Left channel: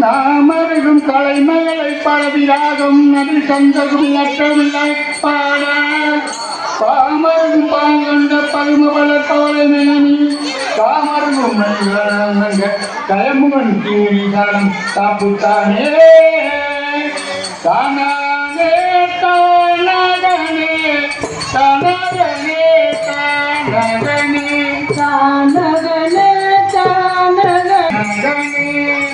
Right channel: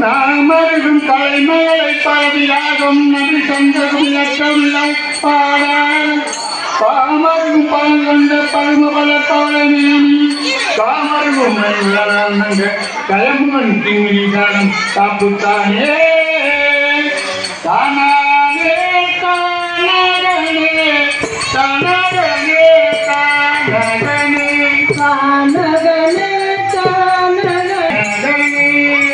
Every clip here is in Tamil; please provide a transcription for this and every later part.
தாமருகும் தலைமகளை பரவியாகும் நபி சொந்தகும் லட்சமில்லை பாட பாமருகும் பல் கொண்ட பரும வளர்ப்பவரை நினைவி காமருகும் கயமுகன் தீவிரி காலம் காப்புத்தானே தானாகே தானாகனே தானாகனே தானாகனே தானாகனே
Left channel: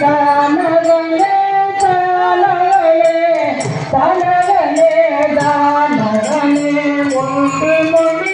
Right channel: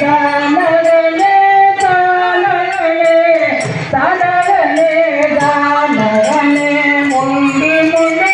தானாகனே தானாகனே தானாகனே ஒன்று முன்னே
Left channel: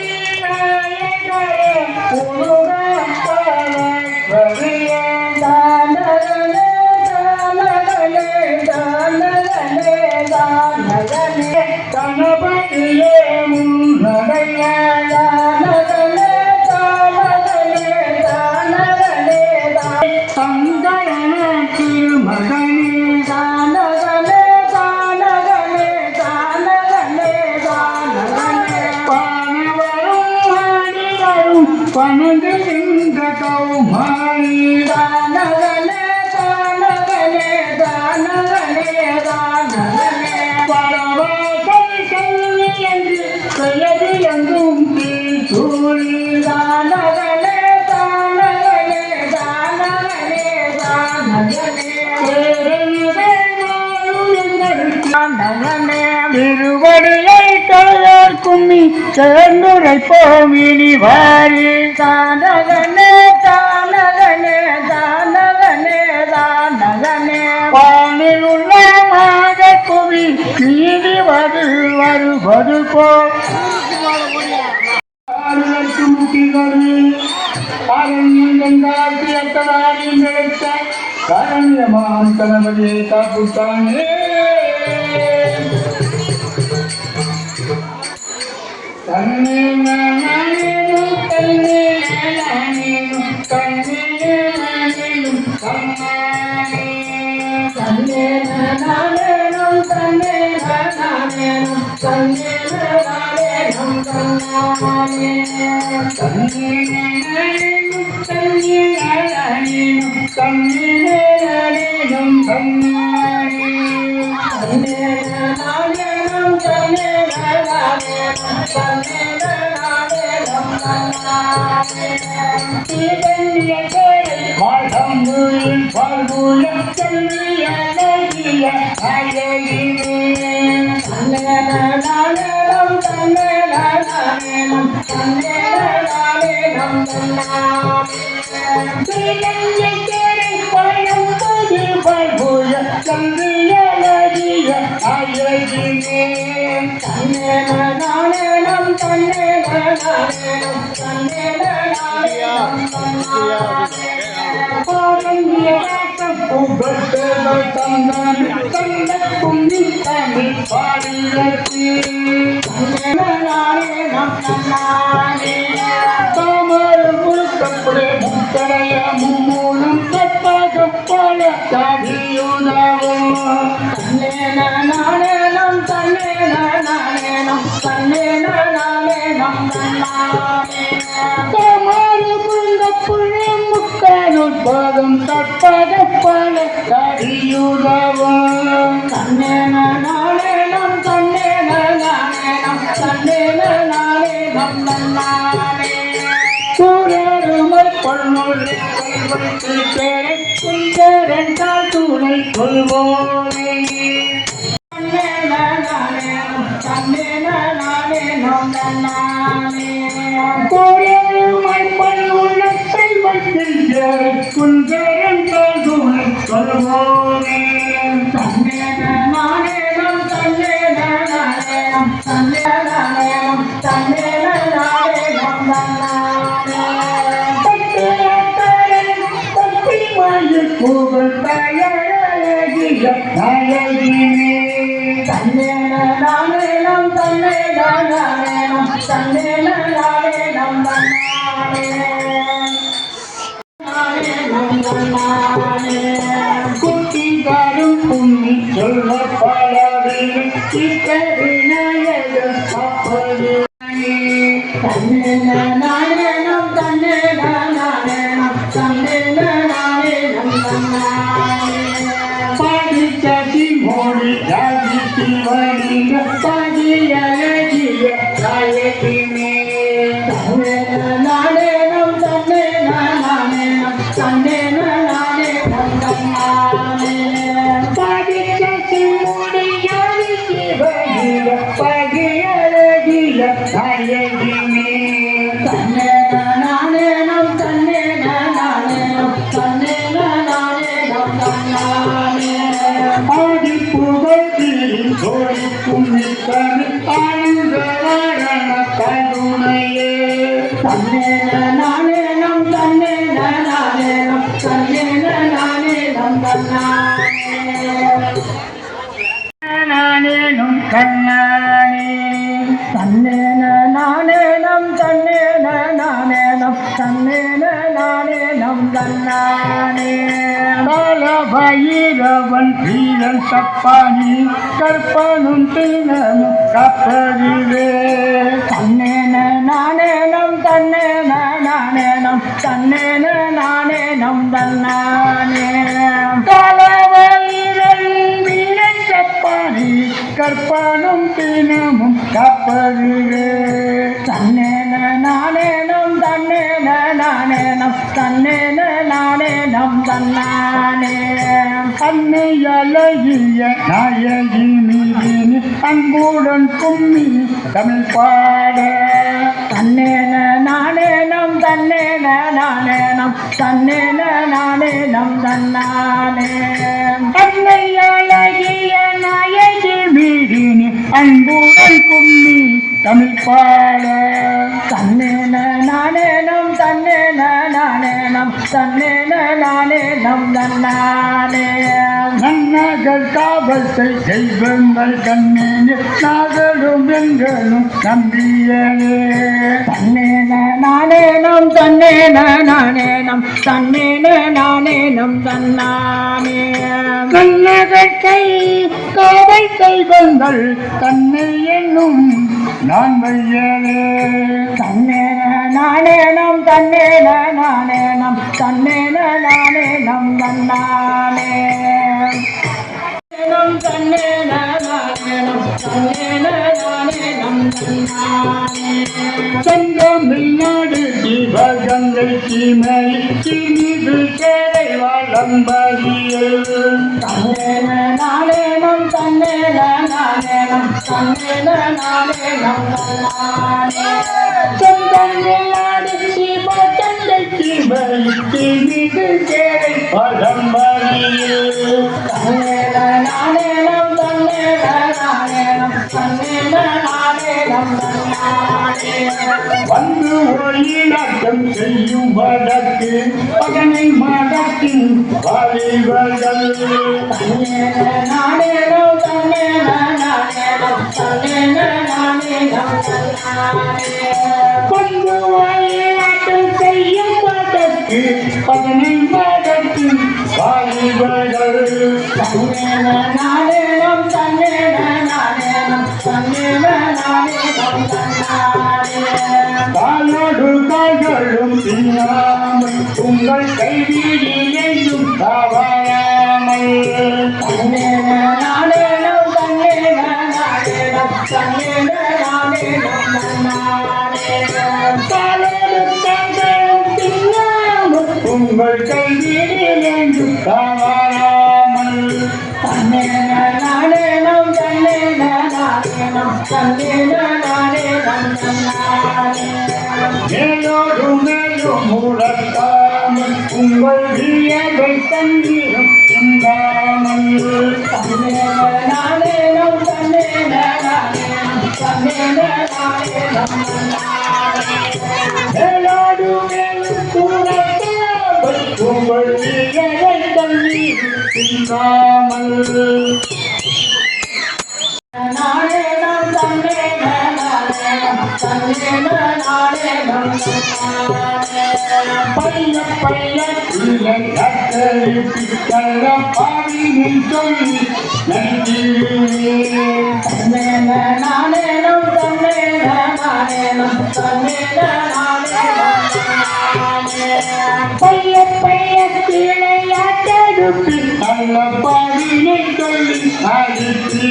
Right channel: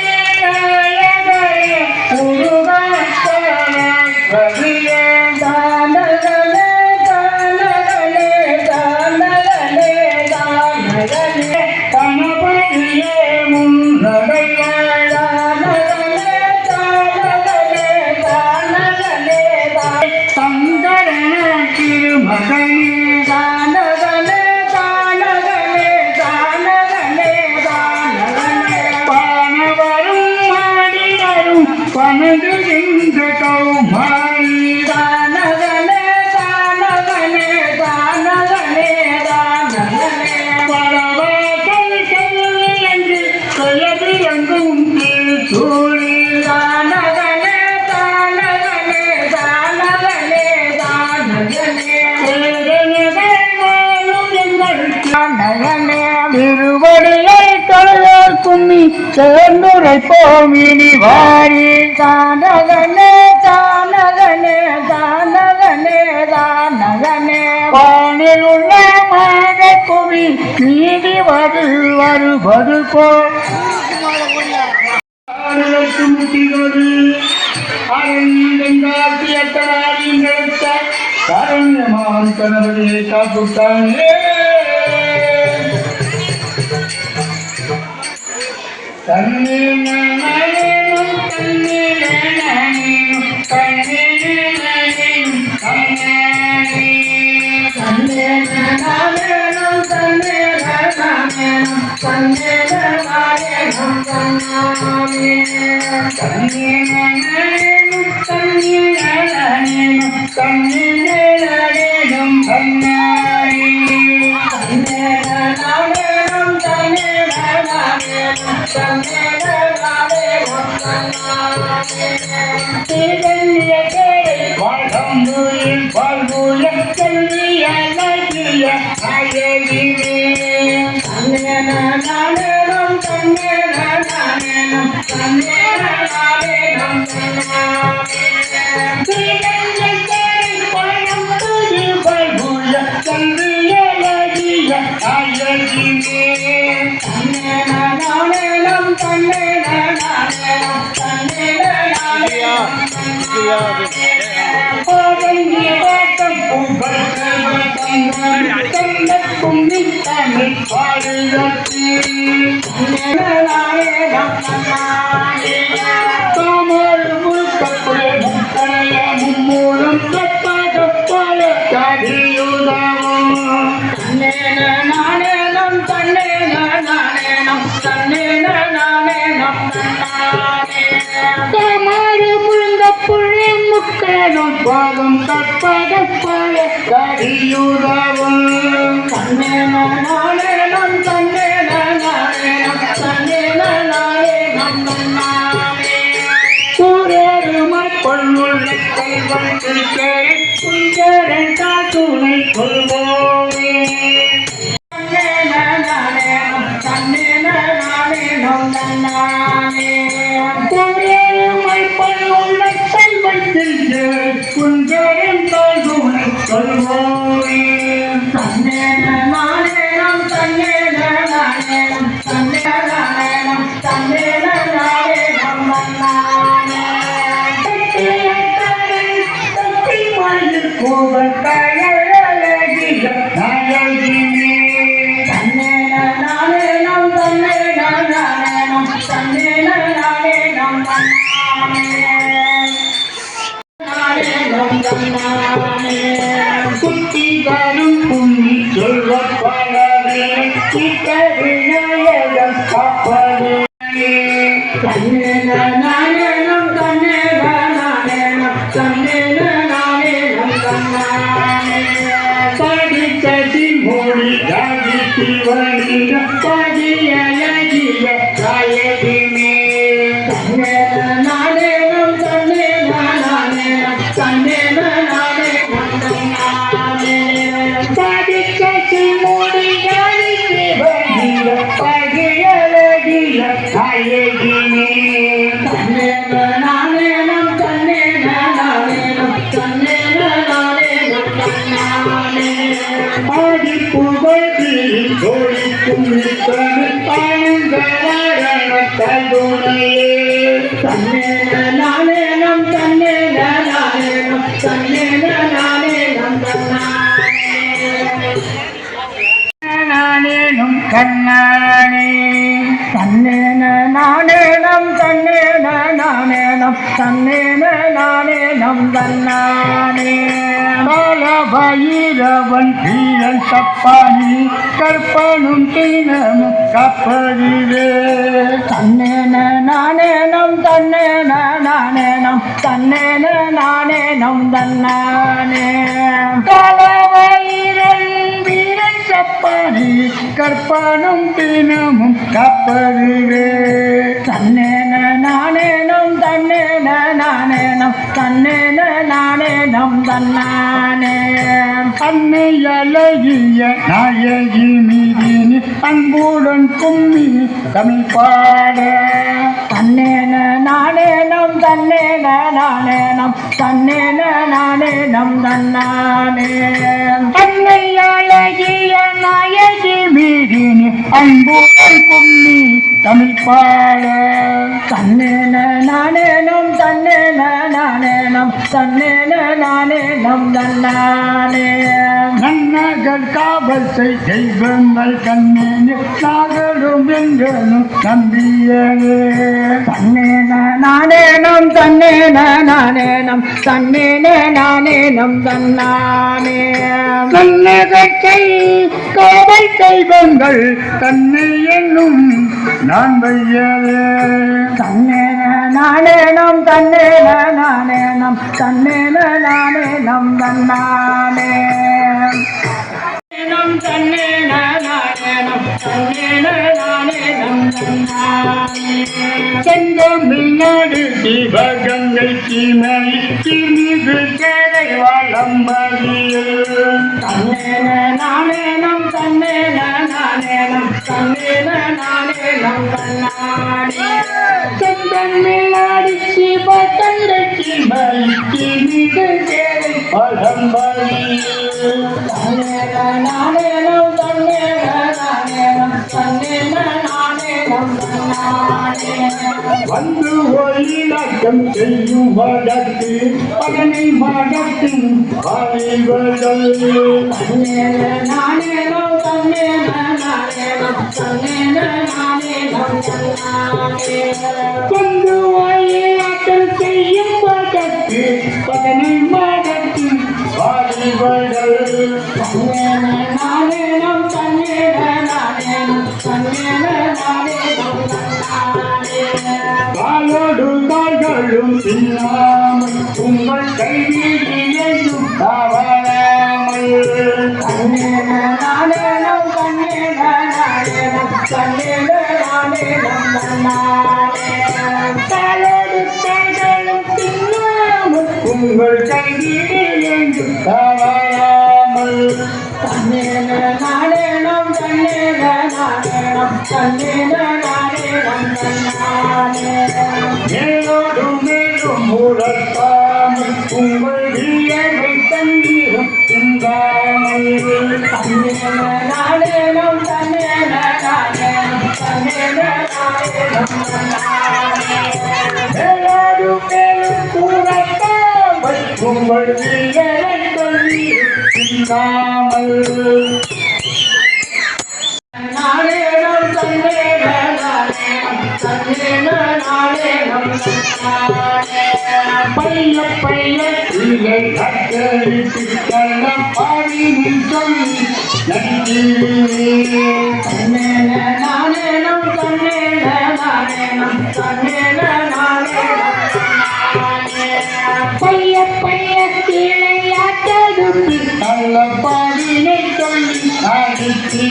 திருவடியை தொழக்கும்மி சேர்ந்துரை போமினி வாரி தானகனே தானகனே தானகனே தானகனே வானில் உள்ள மாக புவி நீதி வருவது போல் காரண்யமாம் கணவரியை காப்புத்தானே தன்னே நானேனும் தன்னே நானேனும் தன்னே நானேனும் தன்னே நானேனும் தன்னே நானேனும் தன்னே நானேனும் தன்னே நானேனும் தன்னே நானேனும் தன்னே நானேனும் தன்னே மும்மூலம் கப்பக பல கதியுதவும் நானேனம் தன்னே நானேனம் தன்னே நானேனம் கமாறு புழுந்த புழம் முக்கணும் பாதம் கப்பக பல கதியுதவும் தன்னே நானேனம் தன்னே நானேனம் தன்னே நானேனம் தன்னானே குஞ்சரன் தாள் துணை கொள்வோமே குஞ்சரன் தாள் துணை கொள்வோமே குட்டிகாரும் புண்ணி சொல்ல பாடாதே சிவனின் பதியழகிய தாயகிமே நானேனம் தன்னே நானேனம் தன்னே நானே நானே சாதிக்க சிவனி யானை சிவனின் பதியழகிய தாயகிமே தன்னே நானேனம் தன்னே நானேனம் தன்னே நானேனம் நானே ஆதி புகழ்ச்சியில் ஜோடிக்கும் தமிழ் ஆனந்தவாரண கருணையே தன்னே நானேனம் தன்னே நானேனம் தன்னே நானேனம் தன்னானே நானேனும் கண்ணானே தன்னே நானேனம் தன்னே நானேனம் தன்னே நானேனம் தன்னானே பலபயிரவன் வீரன் சப்பானி கற்பனும் தினமும் கப்பலிலே தன்னே நானேனம் தன்னே நானேனம் தன்னே நானேனம் தன்னானே பலபயிரன் வீரன் சப்பானி கற்பனும் தினமும் கப்பலிலே தன்னே நானேனம் தன்னே நானேனம் தன்னே நானேனம் தன்னானே அன்னையழகிய நாயகி மீதினி அன்புடன் கும்மி தமிழ் பாட தன்னே நானேனம் தன்னே நானேனம் தன்னே நானேனம் தன்னானே அன்னையழகிய நாயகி மீதினி அன்புடன் கும்மி தமிழ் பாட தன்னே நானேனம் தன்னே நானேனம் தன்னே நானேனம் தன்னானே நன்னகர் காவல் செய் தெய்வங்கள் கண்ணேனே நாகரும் எங்கனும் நம்பியனே தன்னே நானேனம் தன்னே நானேனம் தன்னே நானேனம் தன்னானே நன்னகர் கை காவல் தெய்வங்கள் தன்னை என்னும் நான் வையவே தன்னே நானேனம் தன்னே நானேனம் தன்னே நானேனம் தன்னானே தன்னே நானேனம் தன்னே நானேனம் தன்னானே செந்தமிழ்நாடு சிவகங்கை சீமை சிறிது கேடை வளம்பதியில் தன்னே நானேனம் தன்னே நானேனம் தன்னே நானேனம் தன்னானே செந்தமிழ்நாடு சிவகங்கை சீமை சிறிது கேடை வளம்பதியில் தன்னே நானேனம் தன்னே நானேனம் தன்னே நானேனம் தன்னானே வந்து ஒளிநாட்டம் செய்யும் வழக்கு பகனை மடத்தின் வாலிபர்கள் தன்னே நானேனம் தன்னே நானேனம் தன்னே நானேனம் தன்னானே வந்து ஒளிநாட்டம் செய்யும் வழக்கு பகனை மடத்தின் வாலிபர்கள் தன்னே நானேனம் தன்னே நானேனம் தன்னே நானேனம் தன்னானே காலோடு கால்களும் பின்னாமல் உங்கள் கைவிடியையும் தவறாமல் தன்னே நானேனம் தன்னே நானேனம் தன்னே நானேனம் தன்னானே காலோடு கால்களும் பின்னாமல் உங்கள் கைவிடியையும் தவறாமல் தன்னே நானேனம் தன்னே நானேனம் தன்னே நானேனம் தன்னானே மேலோடு மேலும் உலர்த்தாமல் உங்கள் வியலை தண்ணீரும் சிந்தாமல் தன்னே நானேனம் தன்னே நானேனம் தன்னே நானேனம் தன்னானே மேலோடு மேலும் உலர்த்தாமல் உங்கள் வியலை தண்ணீரும் சிந்தாமல் நானேனம் தன்னே நானேனம் தன்னே நானேனம் தன்னானே பைய பைய இலை கத்தரித்து கள்ள பாடினை சொல்லி நன்றி தன்னே நானேனம் தன்னே நானேனம் தன்னே நானேனம் தன்னானே பைய பைய இலை கத்தரித்து கள்ள பாடினை சொல்லி நன்றி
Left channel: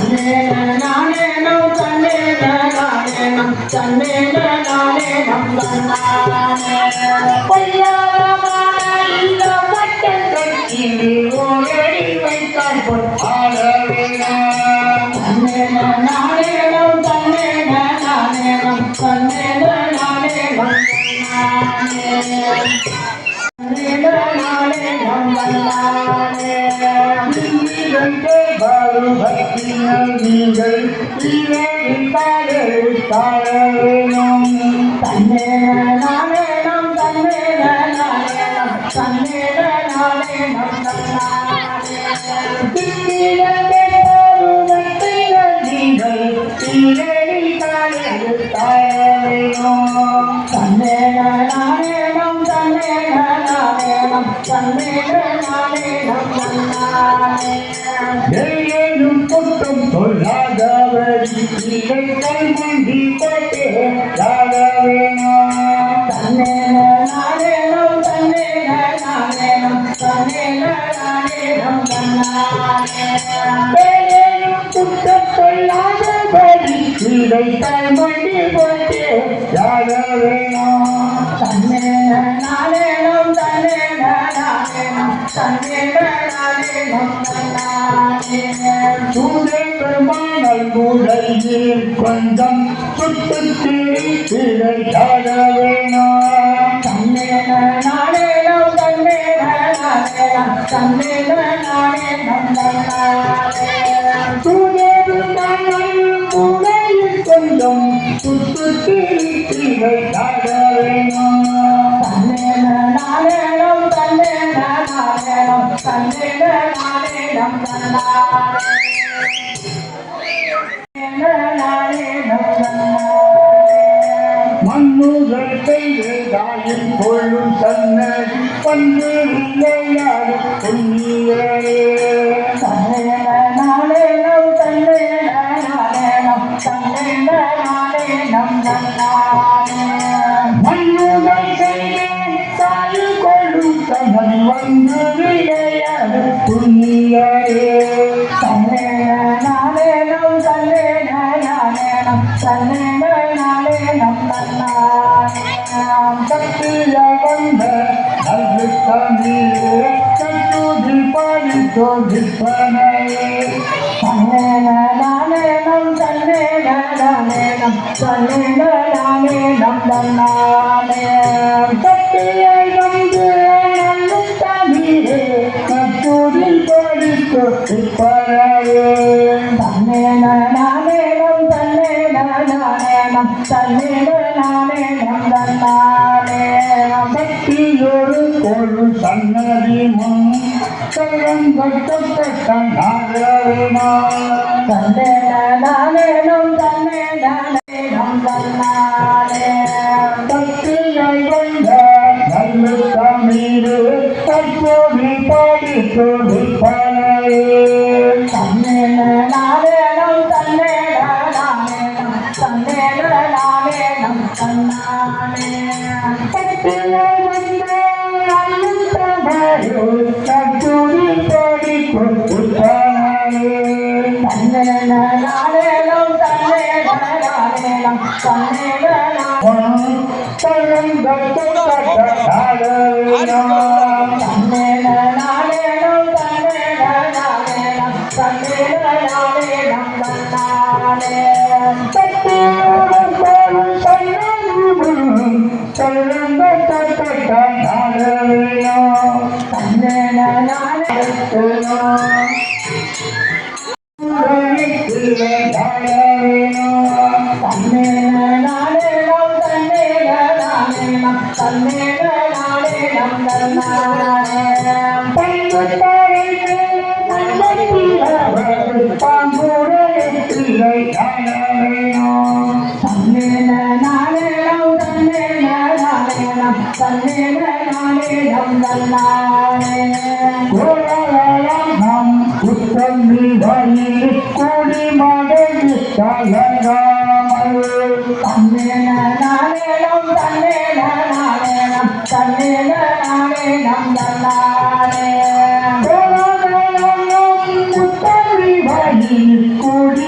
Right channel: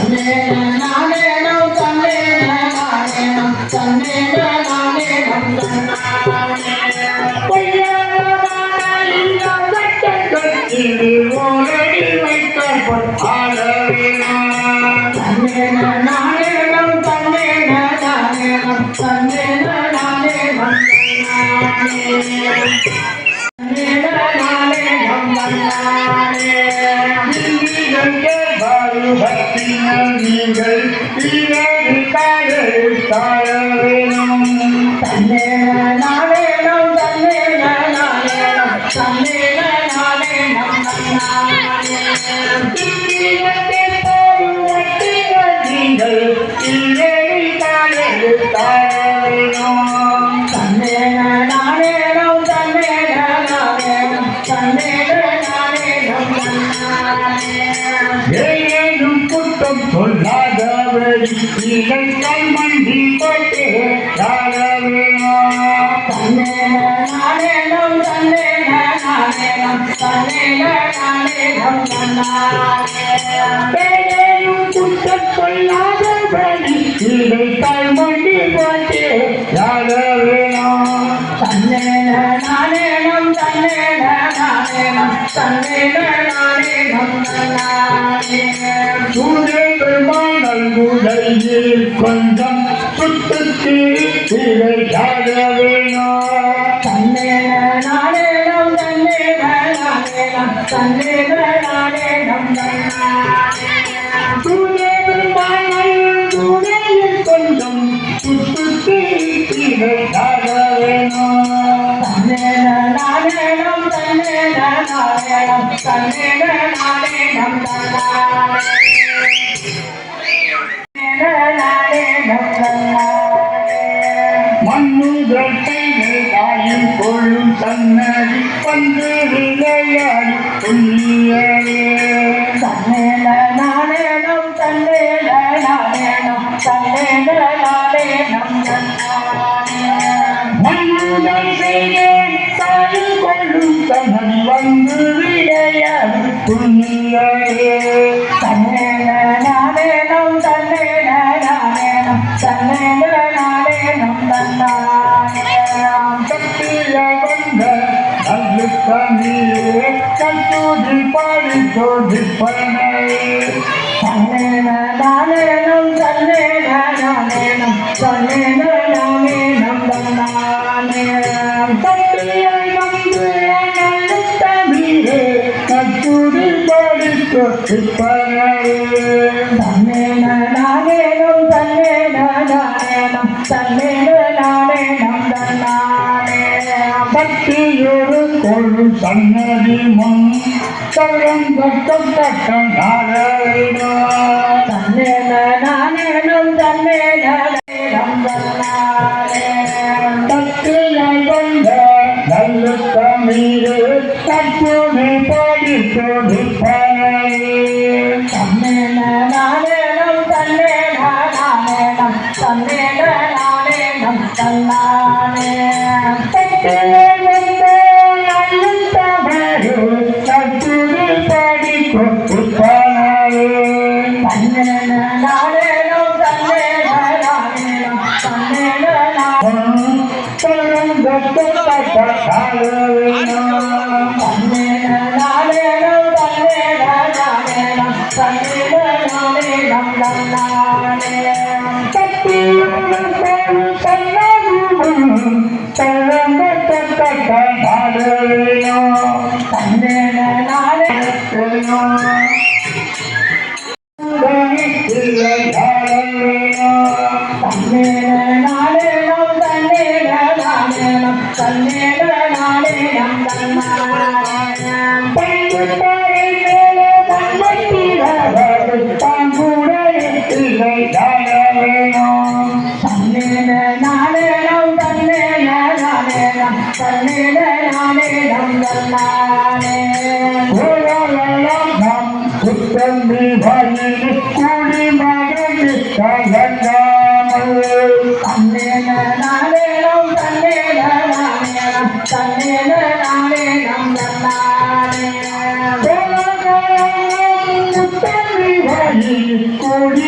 தன்னேன நானேனம் தன்னேன நானேனம் தன்னேன நானேனம் தன்னானே பொய்யாதமான இந்த வட்டத்தில் ஓரடி வைத்தால் பொற்பால வேணும். தன்னேன நானேனம் தன்னேன நானேனம் தன்னேன நானேனம் தன்னானே தன்னேன நானேனம் தன்னானே நீங்கள் தாழ வேணும். தன்னேன நானேனம் தன்னேன நானேனம் தன்னேன நானேனம் தன்னானே நீங்கள் தாழ வேணும். தன்னேன நானேனம் தன்னேன நானேனம் தன்னேன நானேனம் தன்னானே ஏனும் குற்றம் சொல்லாதவரி நீங்கள் மண்டி போட்டு தாழ வேணும். தன்னேன நானேனம் தன்னேன நானேனம் தன்னேன நானேனம் தன்னானே ஏனும் குற்றம் சொல்லாதவரி நீங்கள் மண்டி போட்டு தாழ வேணும். தன்னேன நானேனம் தன்னேன நானேனம் தன்னேன நானேனம் தன்னானே சூரிய பெருமாள் குடையில் கொஞ்சம் சுட்டுக்கு தாழ வேணும். தன்னேன நானேனம் தன்னேன நானேனம் தன்னேன நானேனம் தன்னானே சூரிய பெருமாள் குடையில் கொஞ்சம் சுட்டுக்கு தாழ வேணும். தன்னேன நானேனம் தன்னேன நானேனம் தன்னேன நானேனம் தன்னானே நானேனம் தன்னானே மண்ணுதல் செய்தாயும் கொள்ளும் தன்னடி வந்து விளையாடி சொல்லியவே. தன்னேன நானேனம் தன்னேன நானேனம் தன்னேன நானேனம் தன்னானே மண்ணுதல் செய்தாயும் கொள்ளும் தன்னடி வந்து விளையாடி சொல்லியவே. தன்னேன நானேனம் தன்னேன நானேனம் தன்னேன நானேனம் தன்னானே சக்திய வந்த நல்ல தண்ணீரே கட்டுதி பாடி தோடிப்பனே. தன்னேன நானேனம் தன்னேன நானேனம் தன்னேன நானேனம் தன்னானே சக்தியை வந்து நல்ல தண்ணீரே கட்டுதி பாடி தோடிப்பனே. தன்னேன நானேனம் தன்னேன நானேனம் தன்னேன நானேனம் தன்னானே சக்தியொரு கொழு சன்னதி முன் கட்டம் நாராயணம். தன்னேன நானேனம் தன்னேன நானேனம் தன்னானே சக்தியை வந்த நல்ல தண்ணீரே கட்டுதி பாடி தோடிப்பனே. தன்னேன நானேனம் தன்னேன நானேனம் தன்னேன நானேனம் தன்னானே சக்தியை வந்த நல்ல தண்ணீரே கட்டுதி பாடி தோடிப்பனே. தன்னேன நானேனம் தன்னேன நானேனம் தன்னேன தன்னேன நானேனம் தன்னேன நானேனம் தன்னேன நானேனம் தன்னானே தன்னேன நானேனம் தன்னேன நானேனம் தன்னேன நானேனம் தன்னேன நானேனம் தன்னானே தன்னேன நானேனம் தன்னேன நானேனம் தன்னேன நானேனம் தன்னானே கூடி மகன் தன்னேன நானேனம் தன்னேன நானேனம் தன்னேன நானேனம் தன்னானே கூடி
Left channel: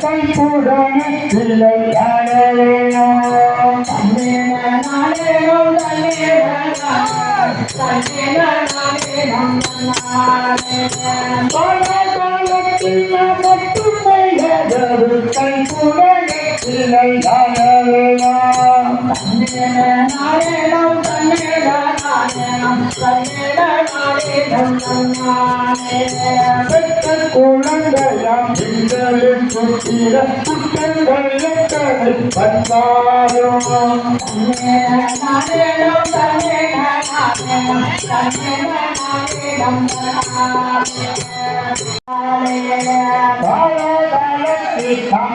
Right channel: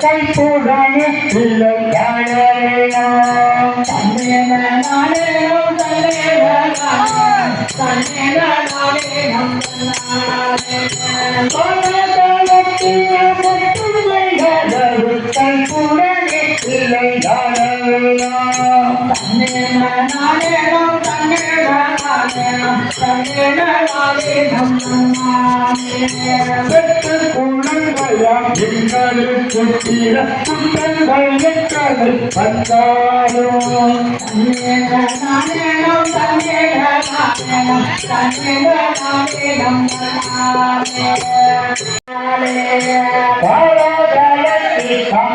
கைப்புடனே இல்லை தாழவேணும் கைப்புடனே இல்லை தாழவேணும் குழந்தையாம் எங்களுக்கு தீர குற்றங்கள் எத்தனை வந்தாலும்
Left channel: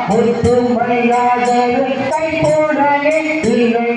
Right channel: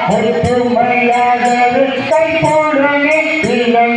பொறுப்பு மரியாதை கைப்போடவே இல்லை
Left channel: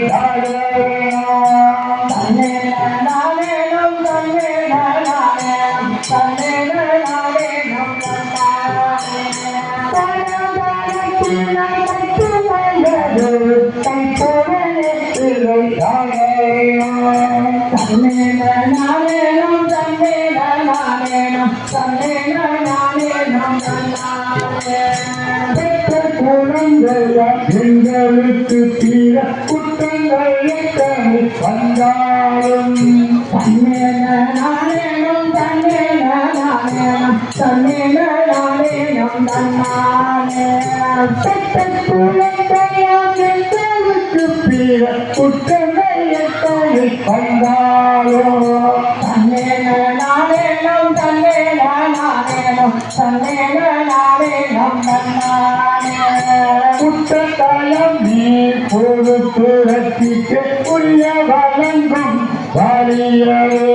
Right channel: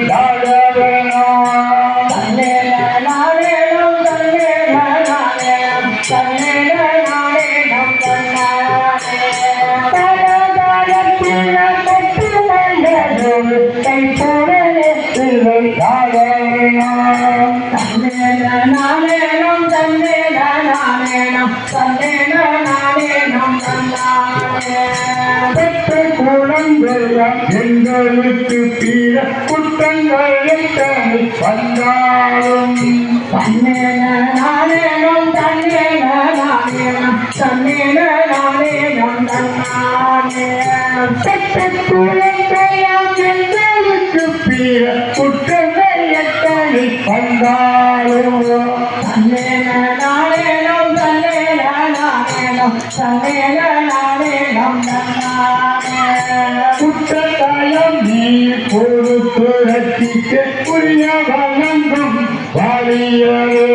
எங்களுக்கு தீர குற்றங்கள் எத்தனை வந்தாலும் எங்களுக்கு தீர குற்றங்கள் எத்தனை வந்தாலும் குற்றத்தாயம் நீ பொறுப்புரத்திக்கு உரிய வழங்கும் வாரியரே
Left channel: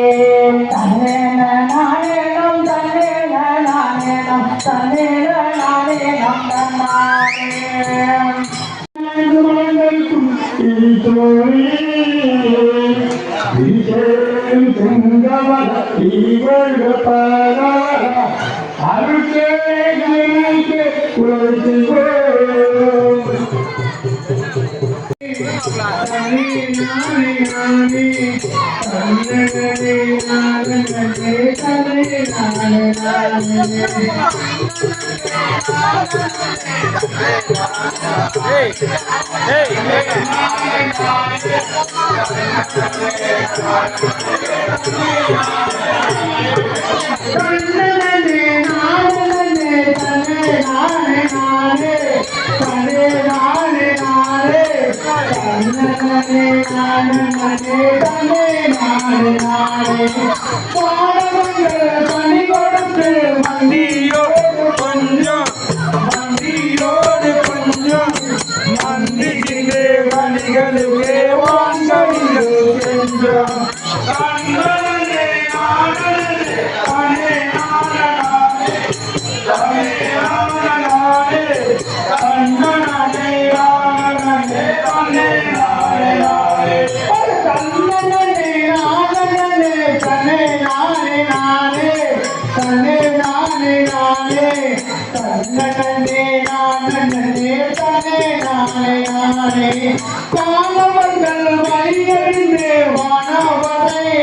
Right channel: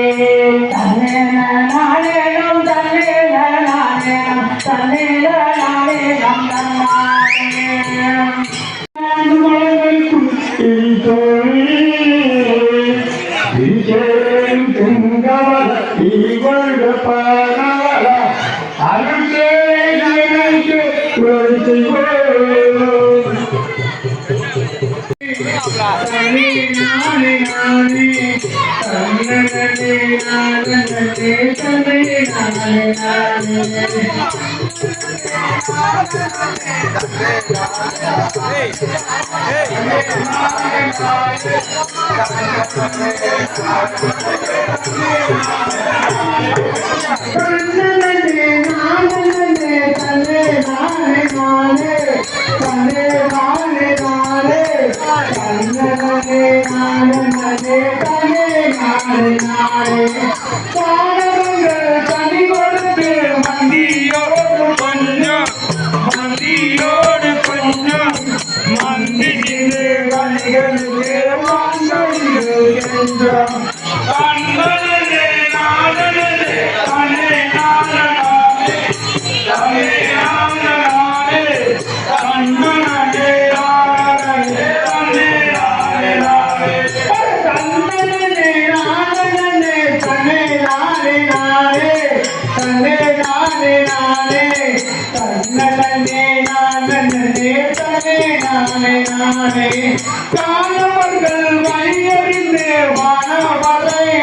காலவர்கள் வழியறிந்து வானவரை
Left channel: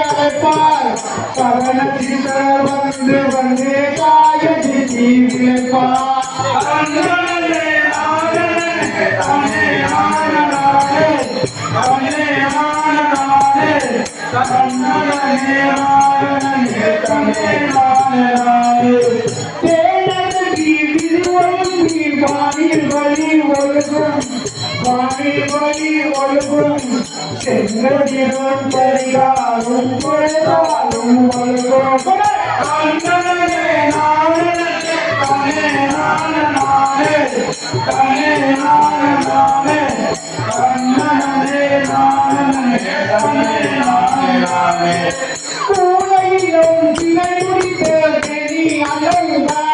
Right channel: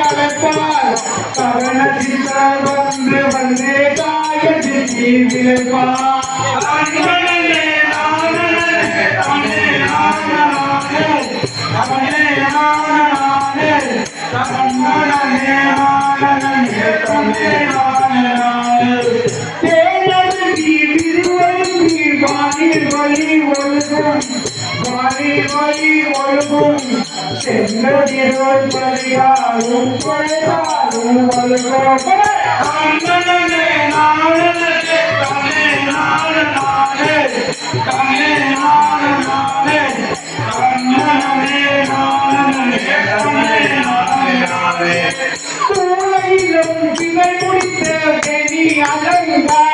அழைப்பார் கவனத்தில் வந்து காயதி விளைப்பார் வழி ஒழுகும் சென்னதிரோன் பலியாரும் கேட்டாரும் ஒழுகும் கூலையிலும் சிலை முடித்த வெணி அலங்கார